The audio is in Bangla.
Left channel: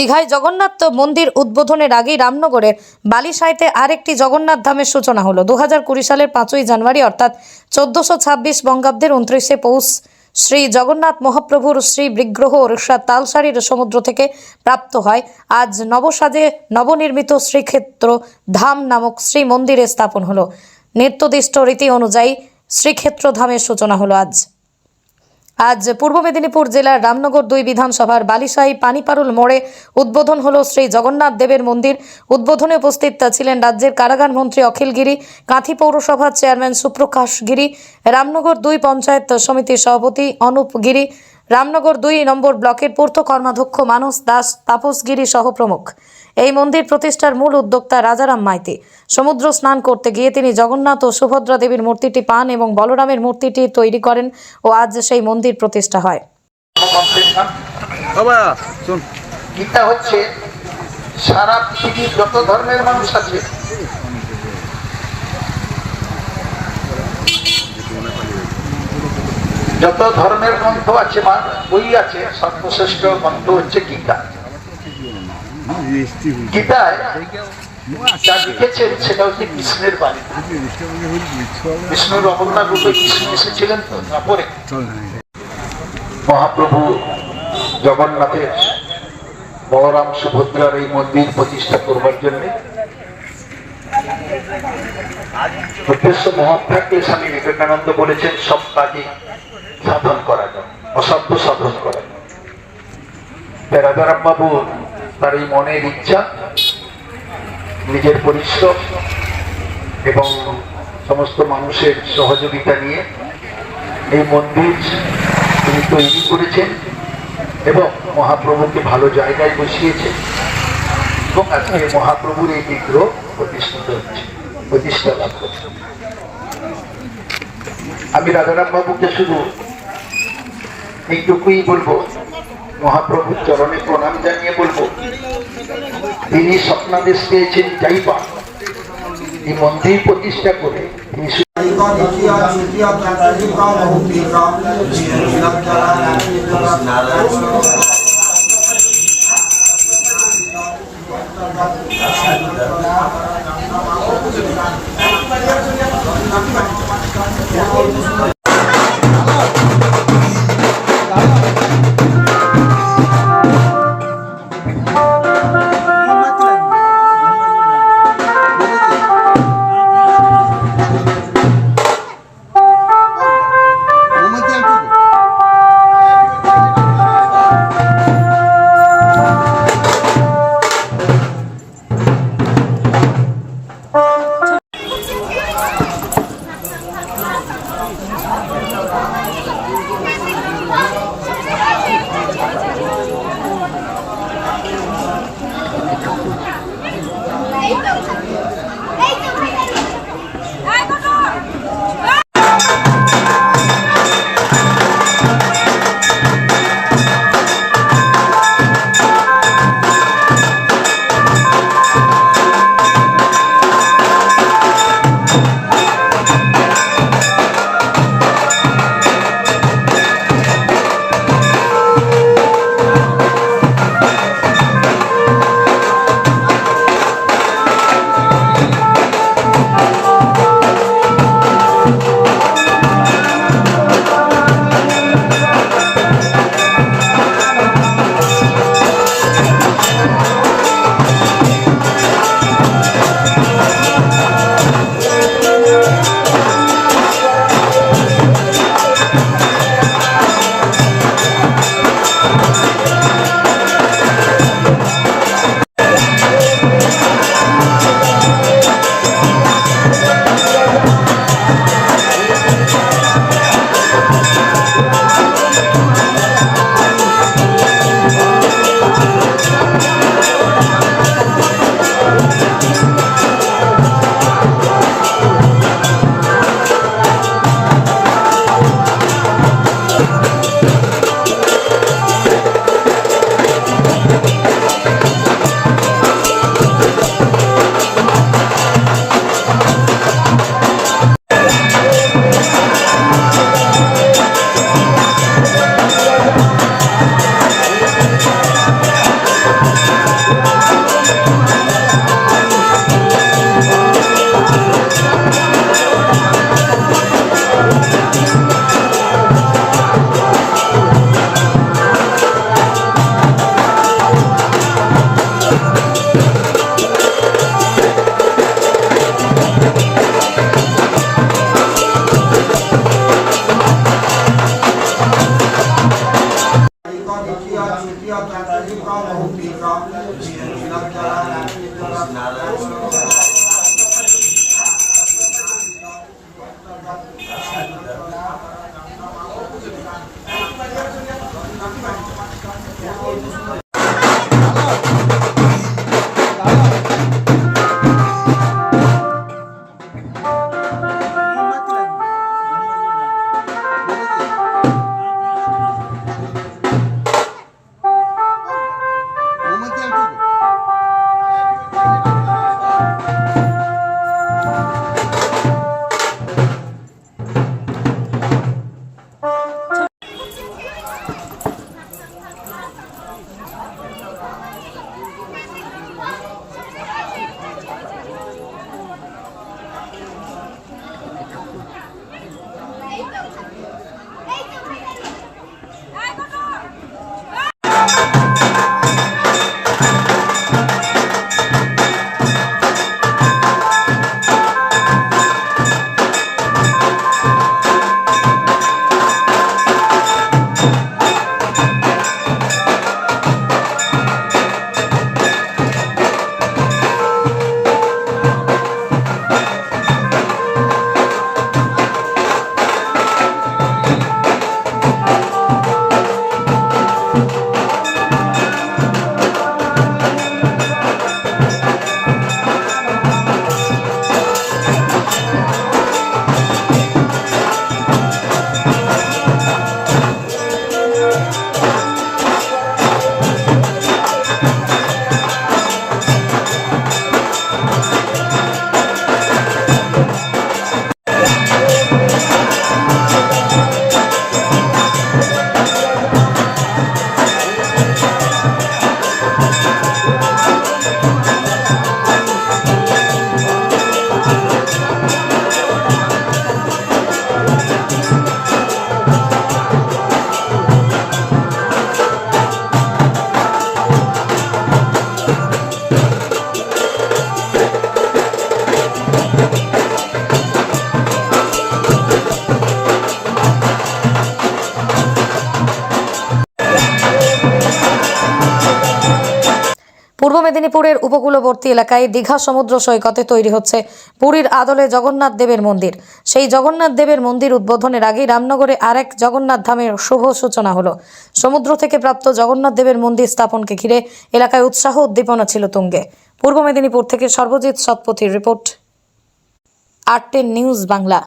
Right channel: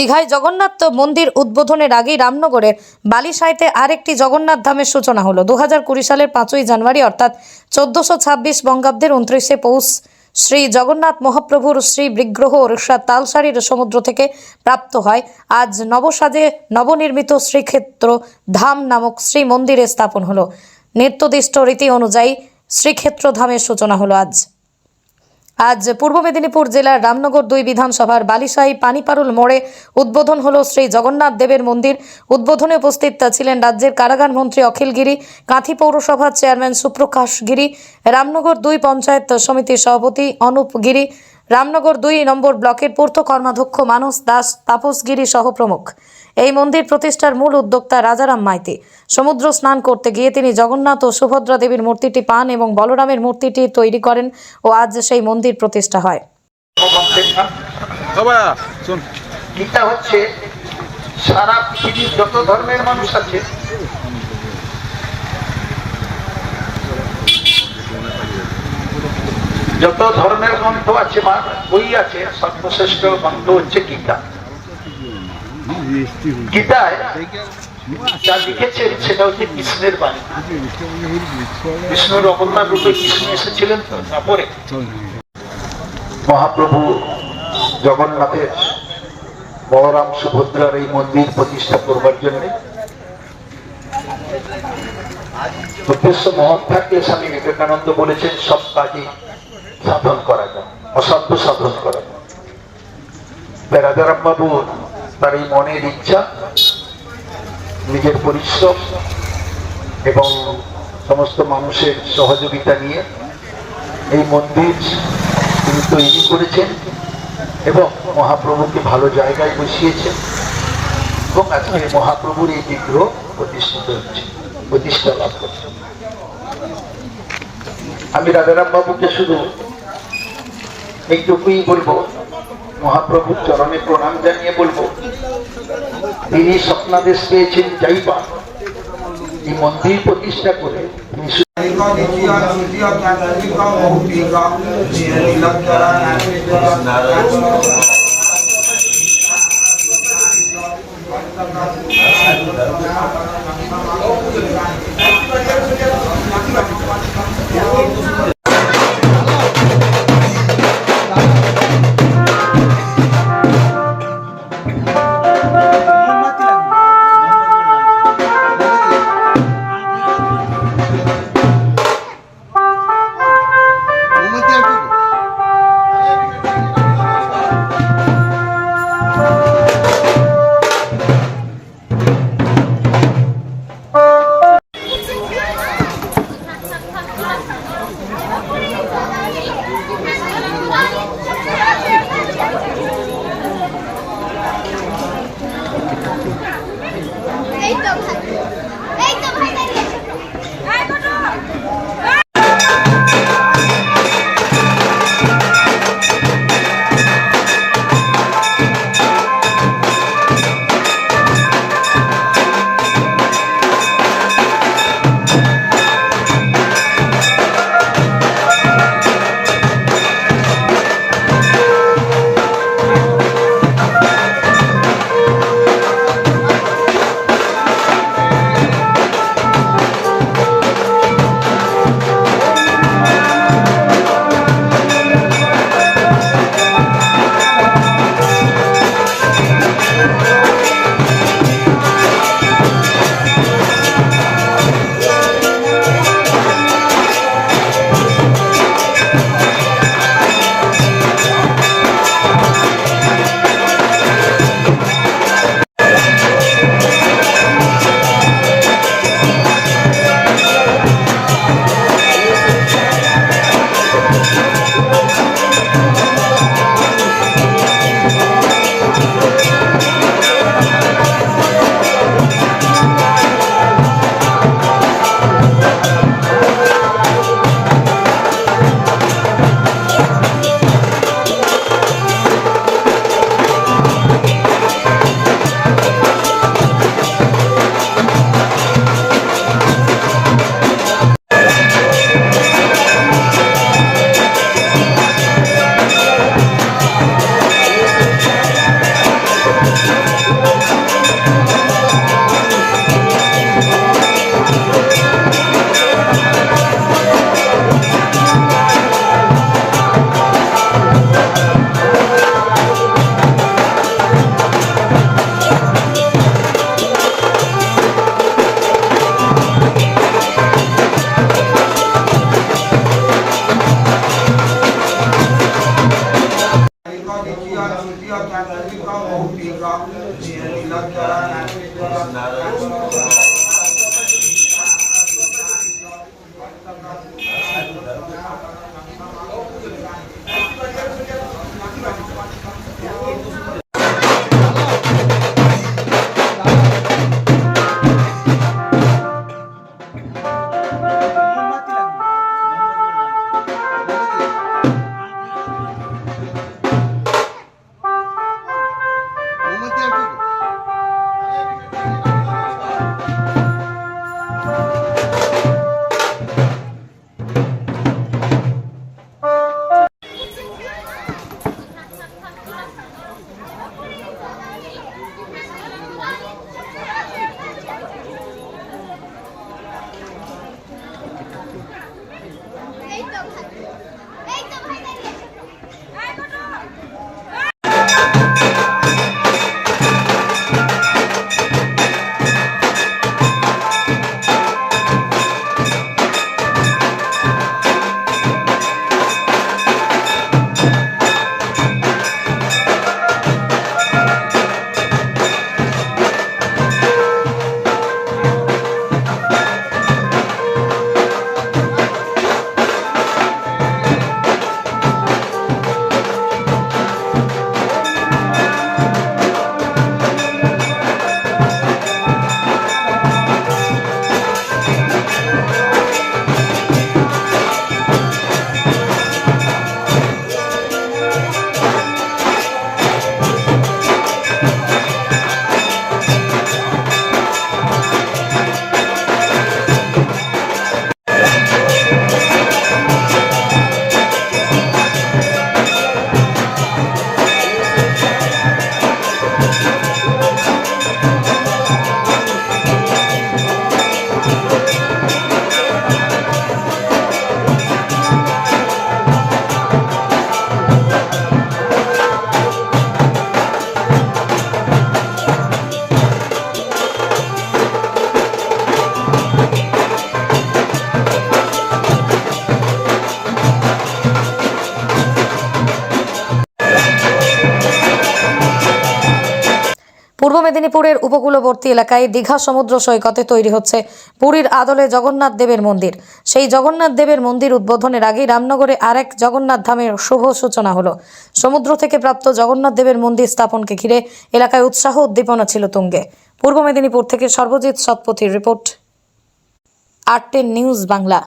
দীঘায় জগন্নাথ মন্দির উদ্বোধনের আগেই রামনগরের বালিসাইতে আরেকটি জগন্নাথ ধামের সূচনা হলো। 2020 সালের 5ই জানুয়ারি অর্থাৎ 1426 বঙ্গাব্দের 29শে পৌষ শ্রী জগন্নাথ মহাপ্রভুর শ্রী বিগ্রহ ওড়িশার তালসারির সমুদ্র থেকে প্রাপ্ত হয়। আজ নবসাজে নবনির্মিত শ্রীক্ষেত্র ধাম নামক শ্রী মন্দিরে স্থাপন হলো। নির্দিষ্ট রীতি অনুযায়ী শ্রীক্ষেত্র ধামের সূচনা হলো। আজ পূর্ব মেদিনীপুর জেলার রামনগর 2 বিধানসভার বালিসাই পানিপারুল মোড়ে উদ্বোধন হলো শ্রী জগন্নাথ দেবের মন্দির। উদ্বোধনে উপস্থিত ছিলেন রাজ্যের কারাগার মন্ত্রী অখিল গিরি, কাঁথি পৌরসভার চেয়ারম্যান সুপ্রকাশ গিরি, রামনগর 2 পঞ্চায়েত সমিতির সভাপতি অনুপ গিরি, রামনগর 2 নম্বর ব্লকের পূর্ত কর্মাধ্যক্ষ মানস দাস, তাপস গিরি সহ প্রমুখ। এই মন্দির প্রতিষ্ঠার মূল উদ্যোক্তা রাজারাম মাইতি। সমুদ্র স্নান করতে গিয়ে তিনি জগন্নাথ ও সুভদ্রা দেবীর মূর্তিটি পান এবং বলরামের মূর্তিটি তৈরি করেন ও আজ সেই মন্দির প্রতিষ্ঠা হয়। গীতা হচ্ছে সারা পৃথিবীর যত ধর্মের মানুষ আছে যত ধর্মের গ্রন্থ আছে বা বই আছে সর্বশ্রেষ্ঠ গ্রন্থ হচ্ছে গীতা। গীতায় যা লিখেছেন সেটা হচ্ছে কৃষ্ণের বাণী। বিষ্ণুর অবতার রূপে কৃষ্ণ এসেছিলেন তো তারপরে মহাপ্রভু জগন্নাথের বলরাম সুভদ্রার এই মন্দির প্রতিষ্ঠা করবার জন্য উদ্দেশ্য মহৎ থাকলে স্বামী বিবেকানন্দ বলেছেন সব কাজে সাধন করা যায়, অসাধ্য সাধন করা যায়। রাজারাম বাবু তার এই মনের ইচ্ছা, নিজের পরিশ্রম এবং সমস্ত মানুষের সহযোগিতা নিয়ে এই মন্দির তিনি তৈরি করেছেন এবং মহাপ্রভুকে ভালো জায়গায় বসিয়েছেন এবং আজকে মহাপ্রভুর এই বিগ্রহ প্রতিষ্ঠিত হচ্ছে, প্রতিষ্ঠা লাভ করছে। আমি রাজারাম বাবুকে শুধু এইটুকুই বলবো, মহাপ্রভুর চরণে প্রণাম জানিয়ে বলবো তিনি স্বপ্নাদেশ পেয়েছেন যাইবা এই মন্দির প্রতিষ্ঠা করে তিনি পূর্ব মেদিনীপুরের উপকূলবর্তী এলাকায় দীঘা সমুদ্র সৈকতে তৈরি হচ্ছে পুরীর আদলে জগন্নাথ দেবের মন্দির। সেই জগন্নাথ দেবের মন্দির উদ্বোধনের আগেই রামনগরে আরেক জগন্নাথ ধামের শুভ সূচনা হলো। সমুদ্র থেকে প্রাপ্ত জগন্নাথ দেবের মন্দির স্থাপনকে ঘিরে এলাকায় উৎসাহ উদ্দীপনা ছিল তুঙ্গে। পূর্ব মেদিনীপুর থেকে সর্বজিৎ শতপথীর রিপোর্ট, আর10 নিউজ বাংলা।